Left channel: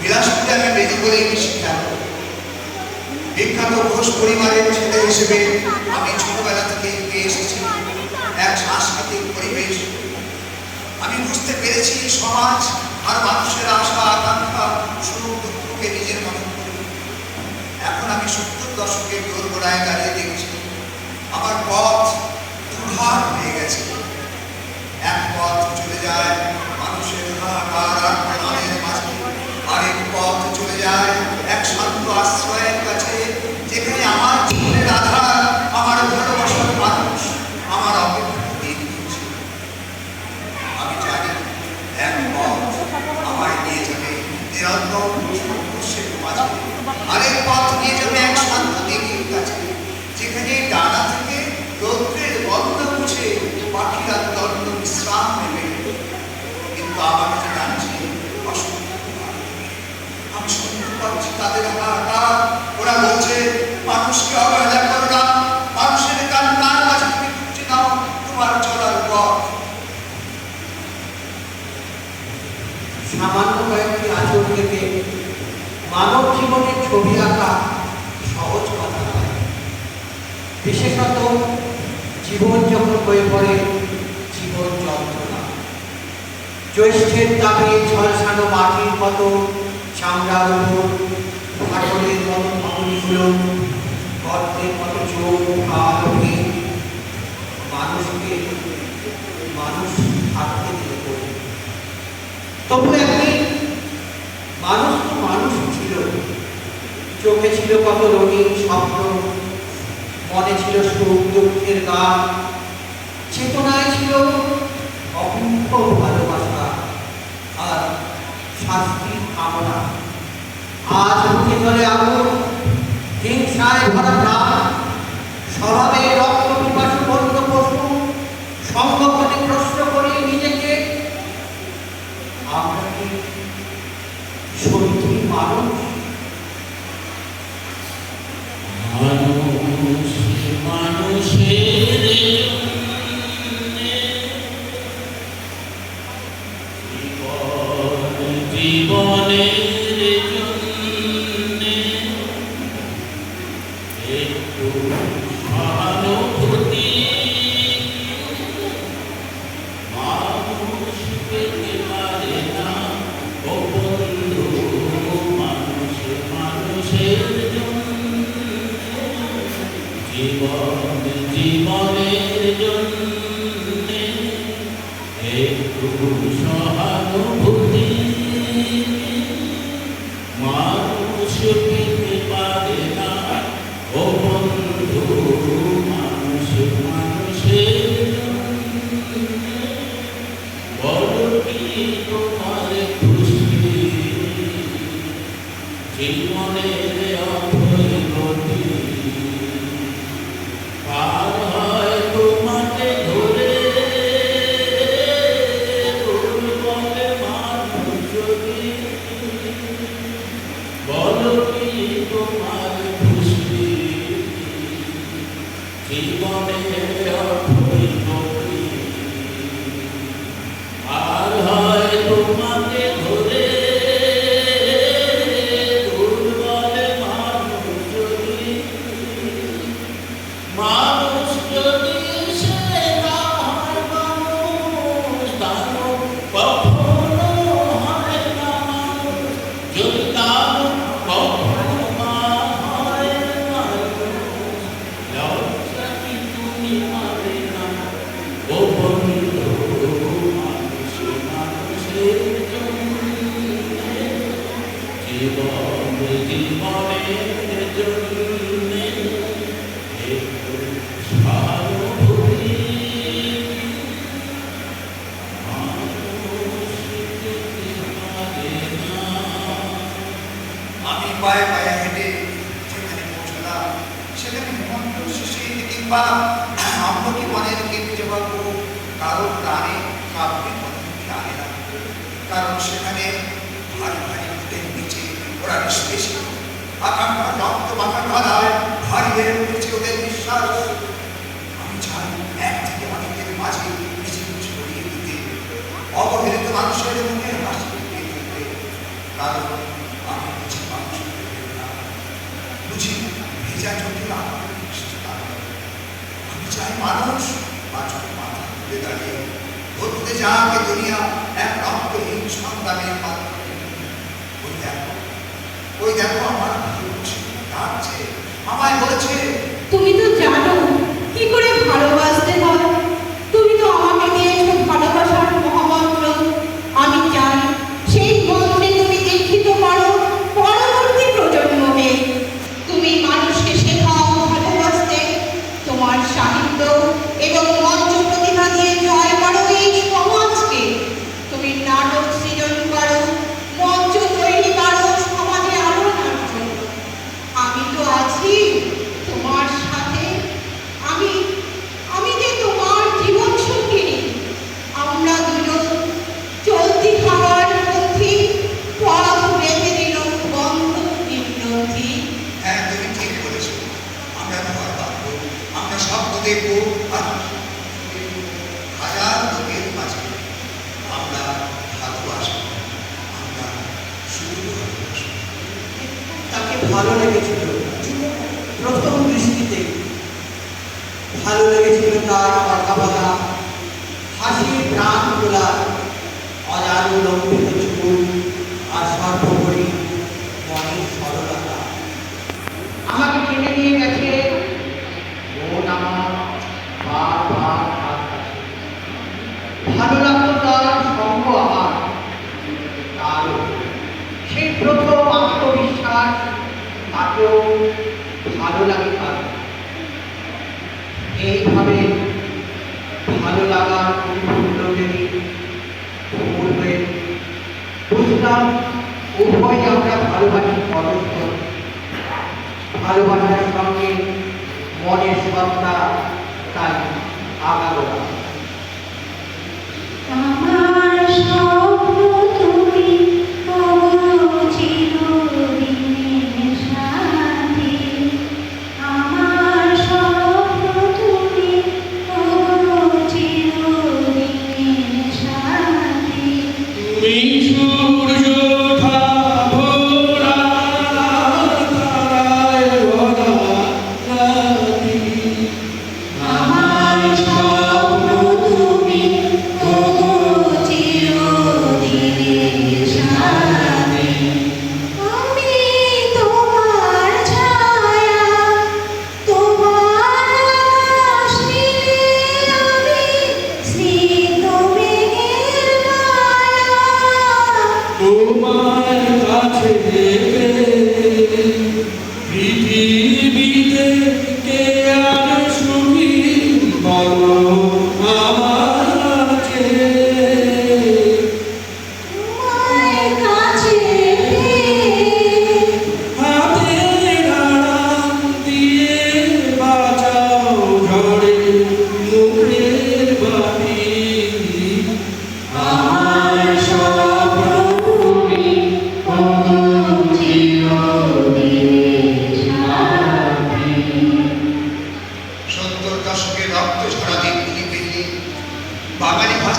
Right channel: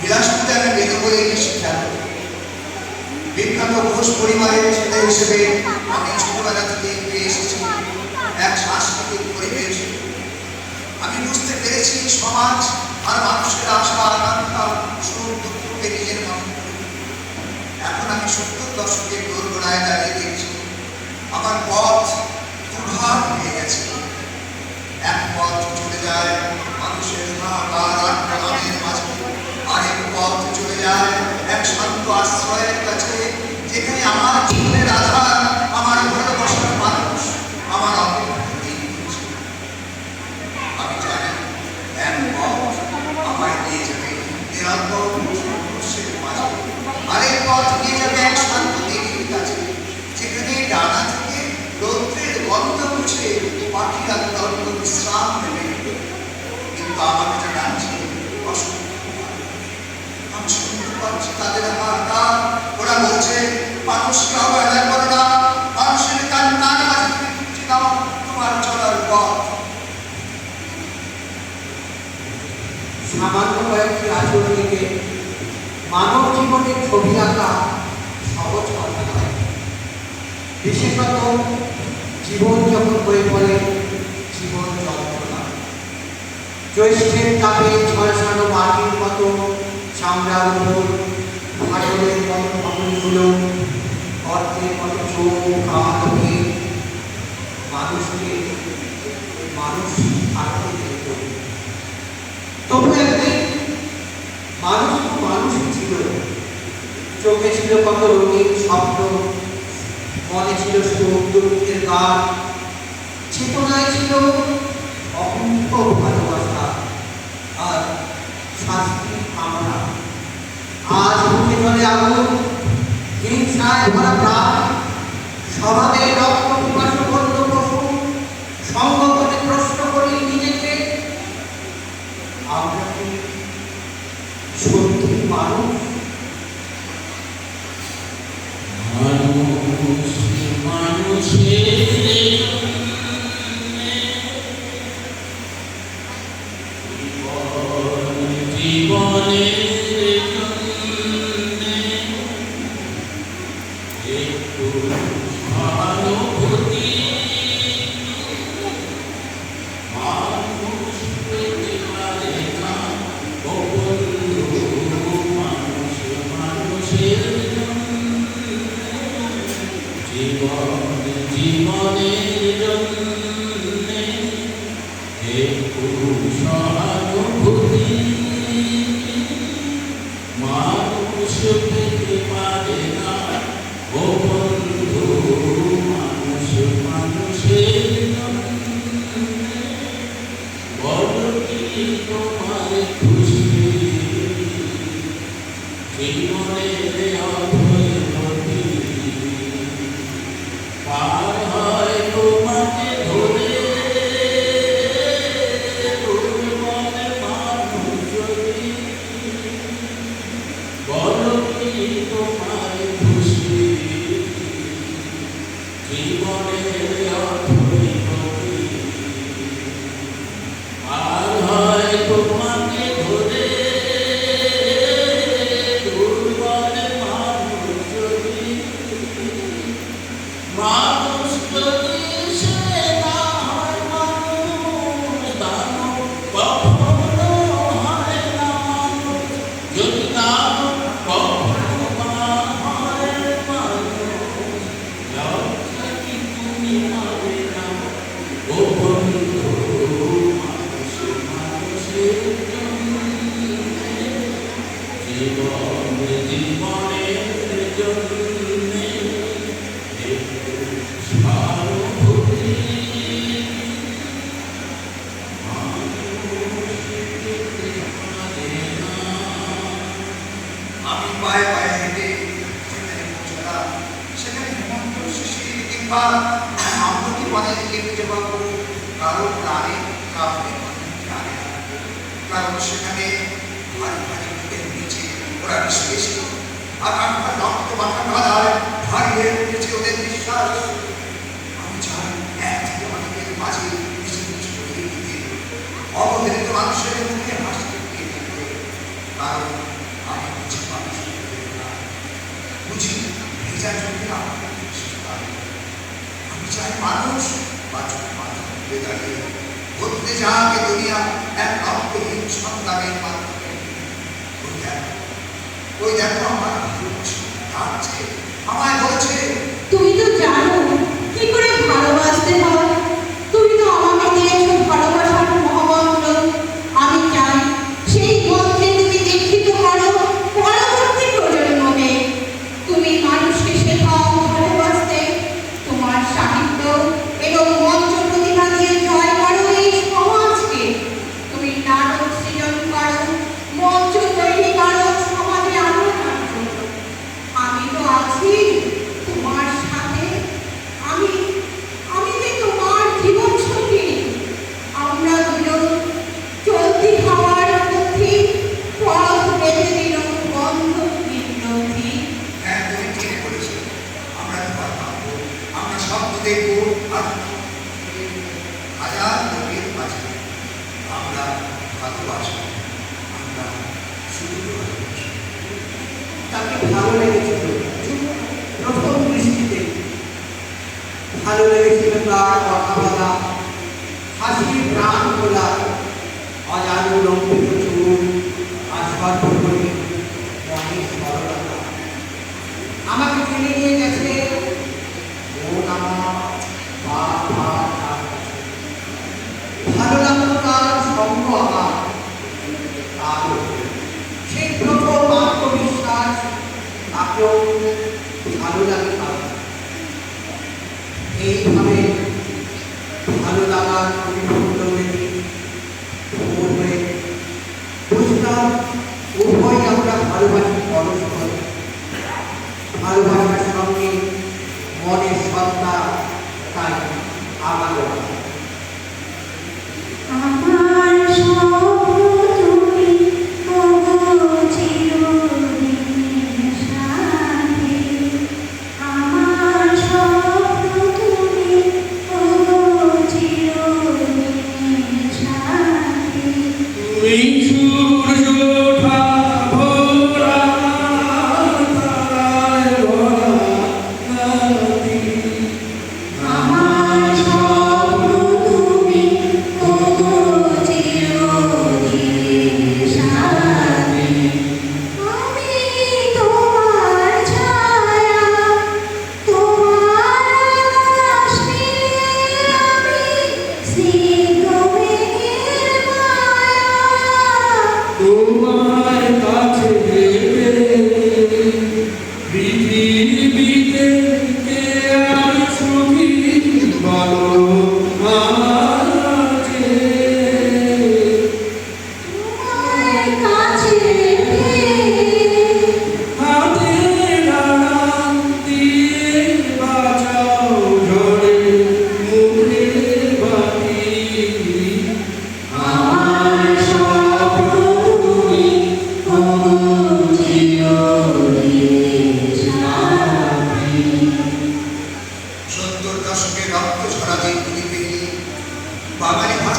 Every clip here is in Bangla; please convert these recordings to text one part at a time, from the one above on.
বিলাসপুরে আমি বেরো বলে একটি শিক্ষা। বিখ্যাত ঘোষ পরিবারের ছেলে হিসেবে আমি ছোটবেলা থেকে পেয়ে এসেছি। এক সাংস্কৃতিক পরিবেশ। আমি বুঝতে পেরেছি সমাজ আর মানুষের আশা আকাঙ্ক্ষা, সুখ, দুঃখকে নিজের মতন এখন আমি সত্তর দশকের দোরগোড়ায় দাঁড়িয়ে দেখছি। আমার পথ দুধার হয়ে গেছে। এক পথ চলে যায় মানুষের হাহাকার আর প্রণামের মাঝে আরেক পথ চলে যায় এক শান্ত আশ্রয়ের কাছে যেখানে আমার জীবনের আধার আমার ভালোবাসার মানুষ আমার অপেক্ষা দিন দিচ্ছে আমি জানি এক পথ আমায় নিয়ে যাবে নিরন্তর সংঘর্ষের মাঝে আরেক পথ নিয়ে যাবে এক শান্ত দিঘির কাছে যেখানে ডানা থেকে রৌদ্রের গন্ধ মুছে পাখিরা তন্ন বিশ্রাম নেবে কিন্তু আমার যে জানছি অসম্ভব আমি শুনতে পাচ্ছি তাদের হাহাকার ওরা বলছে মানুষকে অবহেলা করো না মানুষের কান্নার মাঝে তুমি খুঁজে নাও তোমার চলার পথ সামান্য কয়েকটি আচরণ থেকে মানব জীবনের ছবি আঁকা সহজ কথা নয় বিশেষত জীবন যখন বয়ে পড়ে, জীবন যন্ত্রণা। জ্যৈষ্ঠের তাপে ঝলসানো মাটির মতো চামড়ার উপর ফাটলের মতো পাখরিগুলো গর্তের মতো চোখ হাত হয়ে মানুষকে, মানুষ থাকতে দিত তবু একদিন মানুষ মানুষ ছিল। চোখে ছিল কত রঙিন স্বপ্ন মনে ছিল দুঃখের গান চেতনায় ছিল অকুণ্ঠ ভালোবাসা আর শাস্তির কামনা। আজ মুখে চলে আগুন হিংসায় ভরা প্রাণ স্বভাবে কারোর প্রাণে কাউকে প্রাণে রাখবে কারণ সেখানে ভারী ভারী বুকের নিচে ওরা বিশ্বাস করে আকাঙ্ক্ষা রক্ত মাথা কাদায় ভারিয়ে উঠেছে ওদের বিশ্বাস আমি জানি এক থেকে অনেকের মাঝে কিছু কিছু দিতে অবহেলিত মানুষের মুখে হাসি দিতে কারণ আমি কিছু মানুষ বুঝি ভেজা চোখের আমাকে আমি চাই মানুষ বা ঘটতে যাকে দুনিয়া একমাত্র সন্তানের মাধ্যমে ওই ওই দেখো আমায় বলছে সেই প্রথম আত্মবিশ্বাস তাকেও ভালো লাগে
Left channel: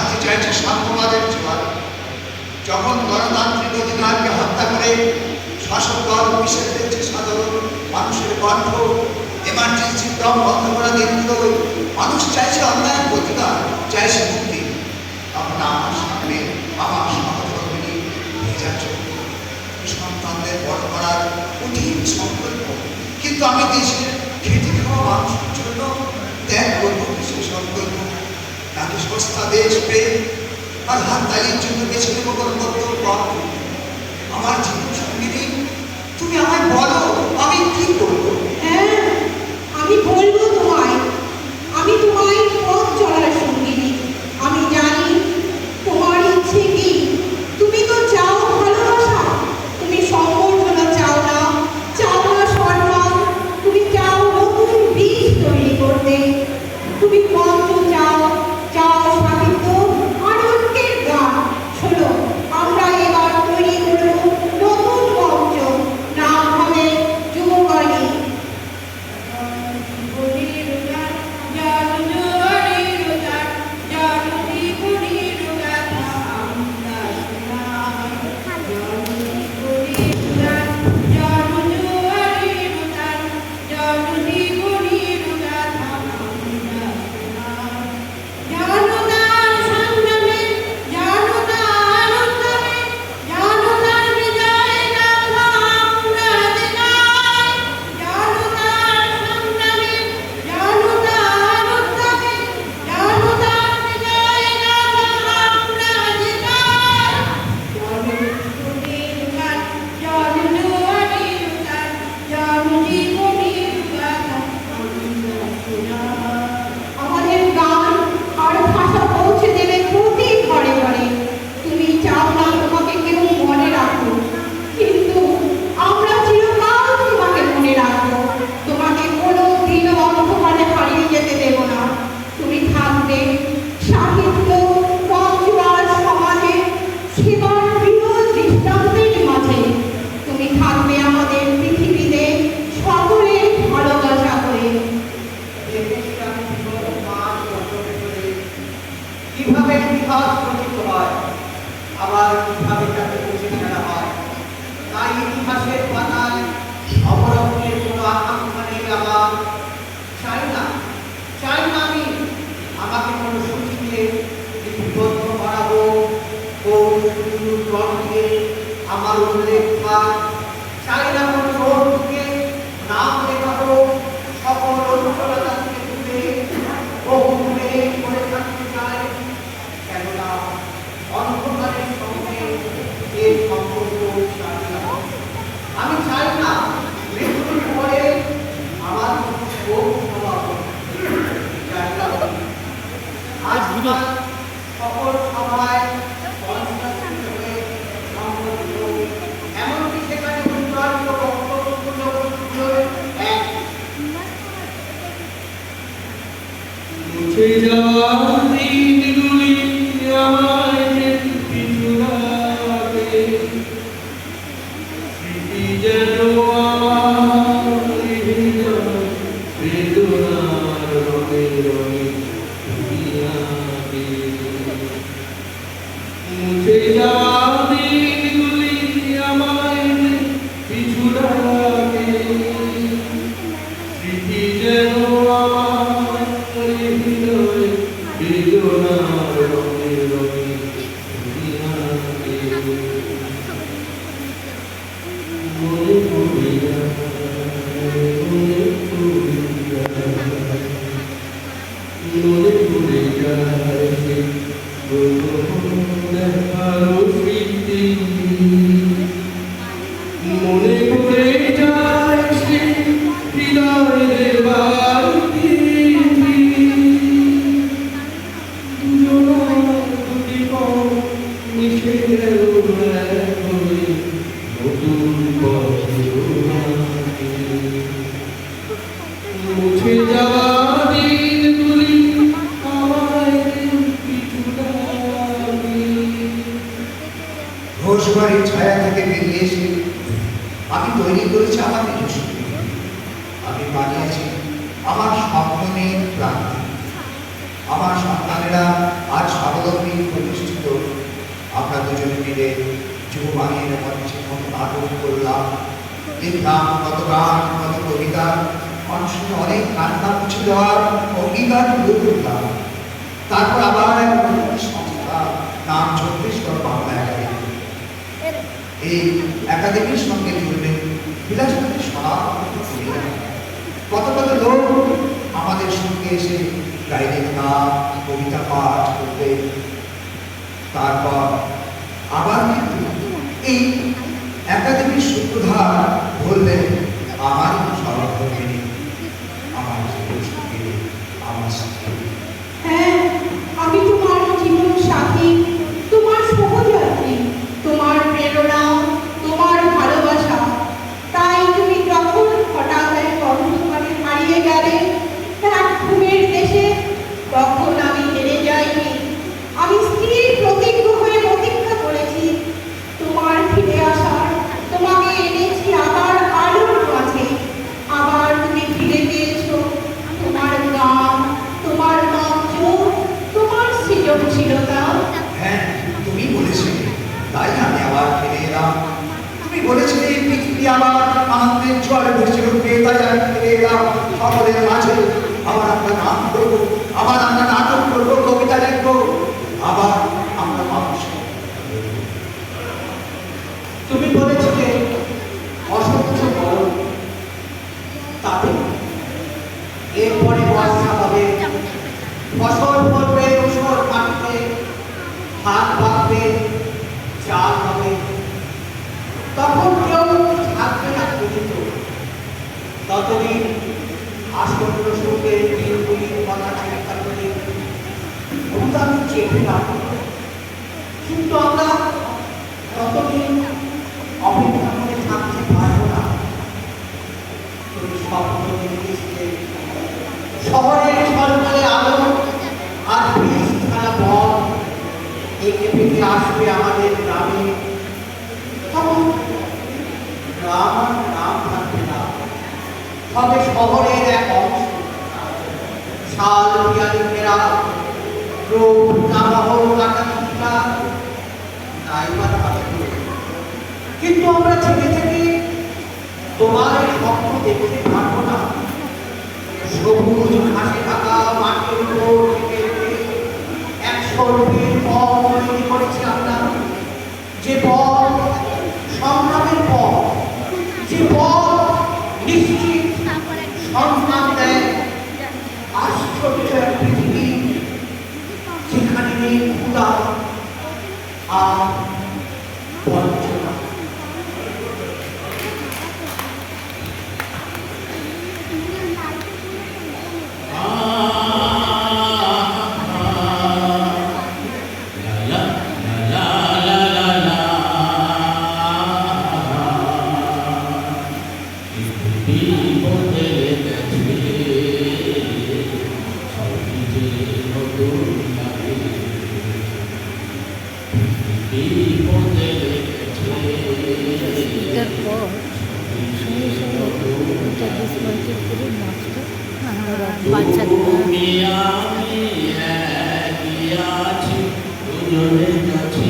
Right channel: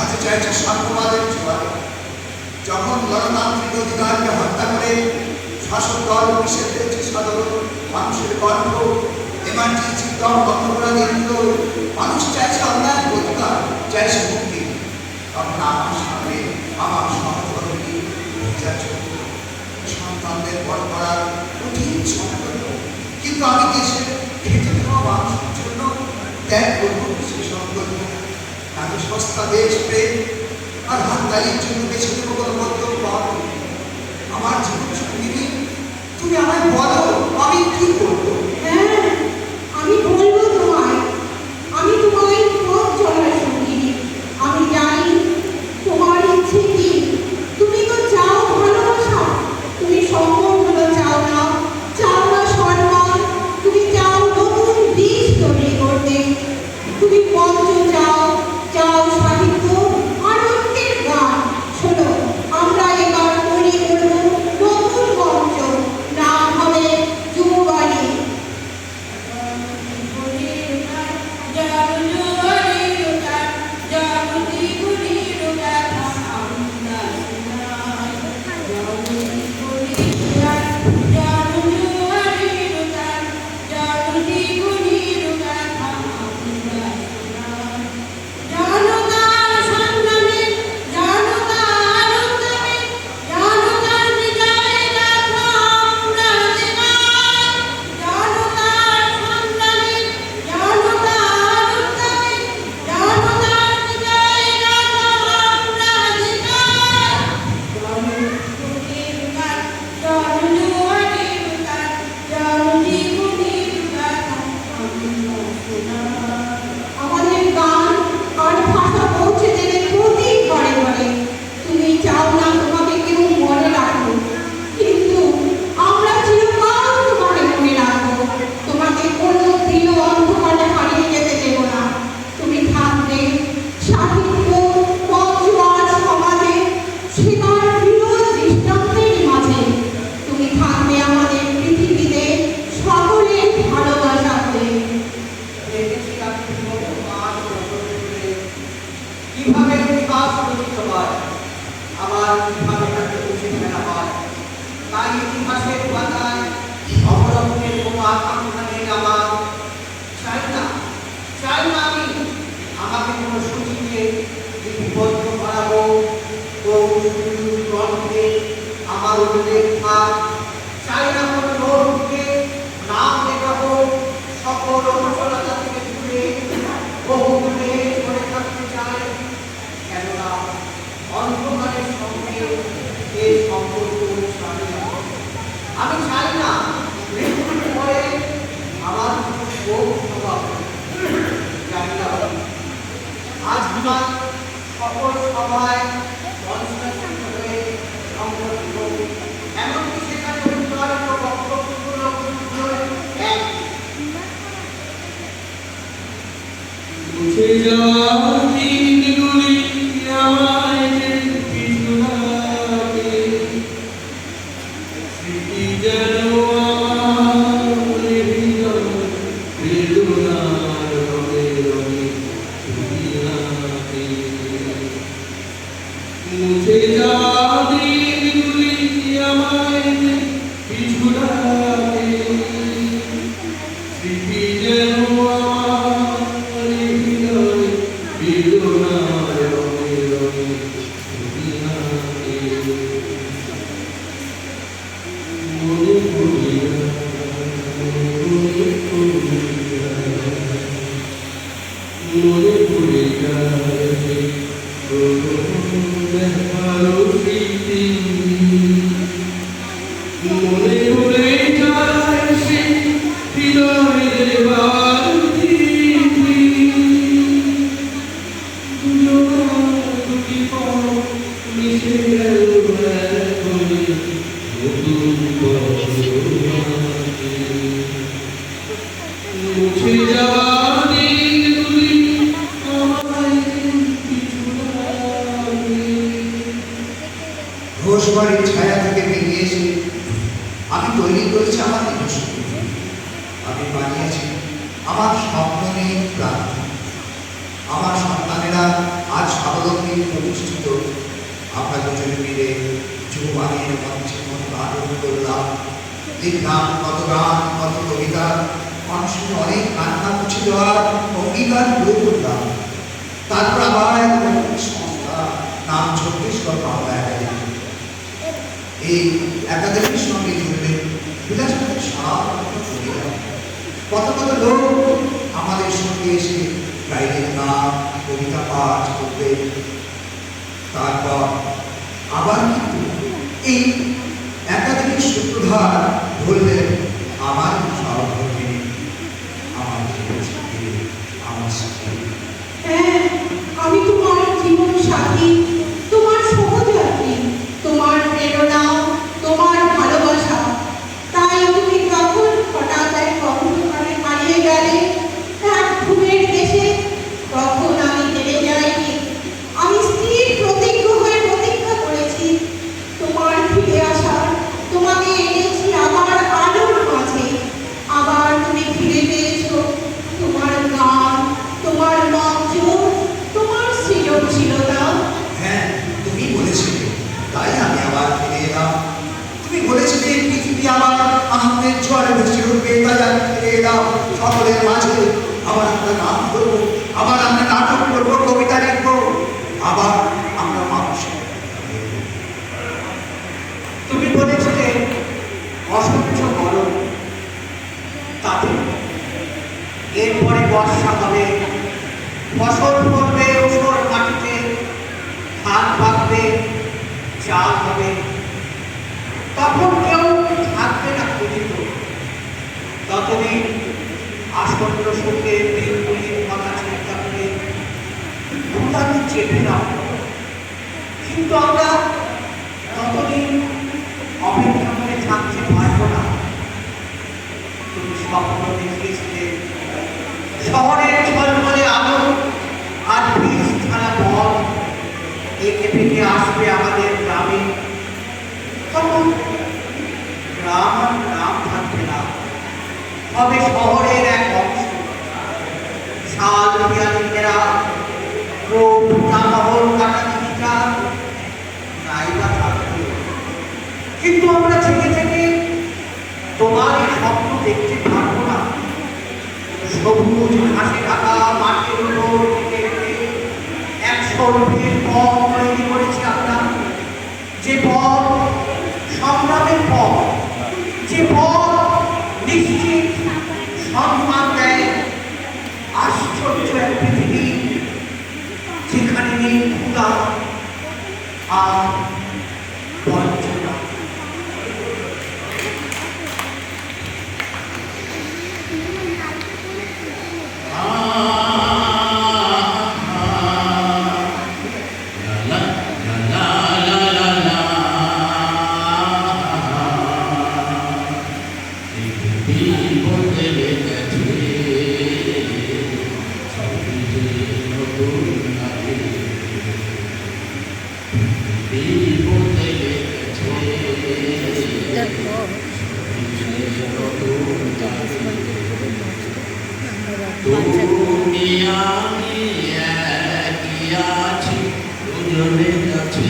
জানতে চাইছে সাম্যবাদের জীবন যখন গণতান্ত্রিক অধিকারকে হত্যা করে শাসক দল বিশেষ ফেলছে সাধারণ মানুষের কণ্ঠ এমার্জেন্সি দম বন্ধ করা নির্মিত মানুষ চাইছে অন্যায় প্রতিকার, চাইছে মুক্তি। তখন আমার সামনে আমার সহকর্মী যাচ্ছে সন্তানদের বড় করার কঠিন সংকল্প। কিন্তু আমি দেশের খেটে খাওয়া মানুষের জন্য ত্যাগ করব সে সংকল্প? তাকে সস্তা বেশ পেয়ে আর হাততালির জন্য বেছে নেব কোনো বক্তব্য আমার জীবন সঙ্গিনী তুমি আমায় বলো, আমি কি করব? চাই না চাই না আমি আমাকে কোনো সূচিয়ে লিপিবদ্ধ বানাবো কৌর গ্রন্থে আমার উল্লেখ থাক চাই না বর্ষা হবে। ফসল ফলবে উসর মাটিতে ধান পাকবে চাল হবে। তখন কেউ থাকবে না পৃথিবী ততদিন আসন্ন সঙ্গে দিনগুলির কথা চিন্তা করে চেপে রাখব কিন্তু আমরা তিনি আসবে আমাদের গ্রামে তখন গ্রাম গ্রাম থাকবে না। হবে শহরের আছি দুজনে কাছে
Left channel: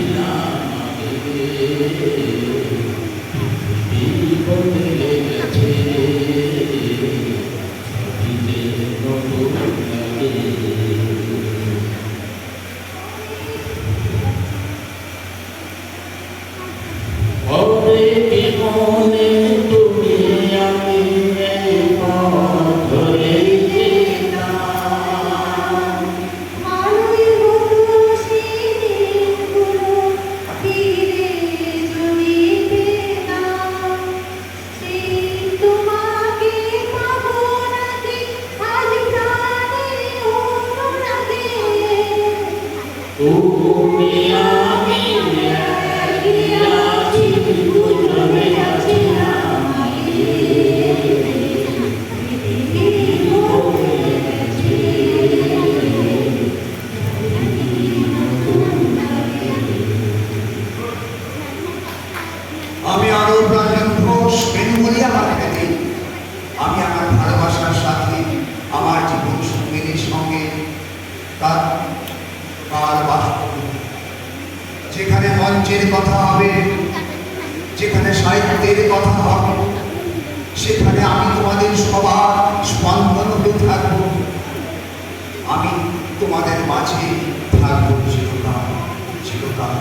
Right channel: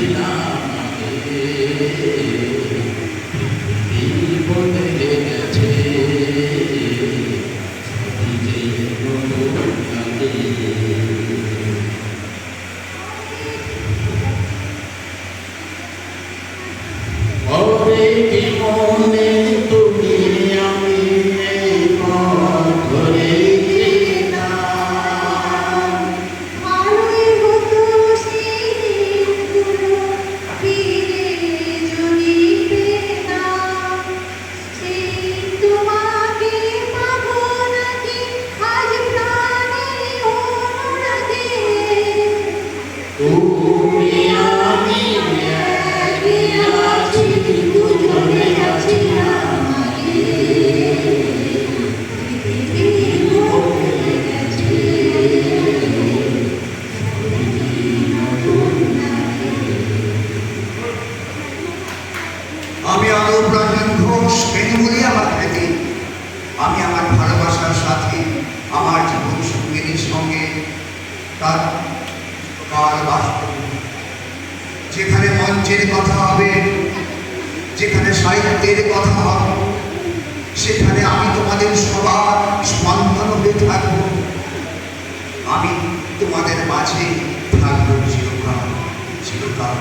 যেখানে মঞ্চের কথা হবে, যেখানে সাহিত্যের কথা হবে, সেখানে আমি তোমাদের সবার স্পন্দন হতে থাকব। আমি তোমাদের মাঝে থাকব চিরকাল চিরকাল।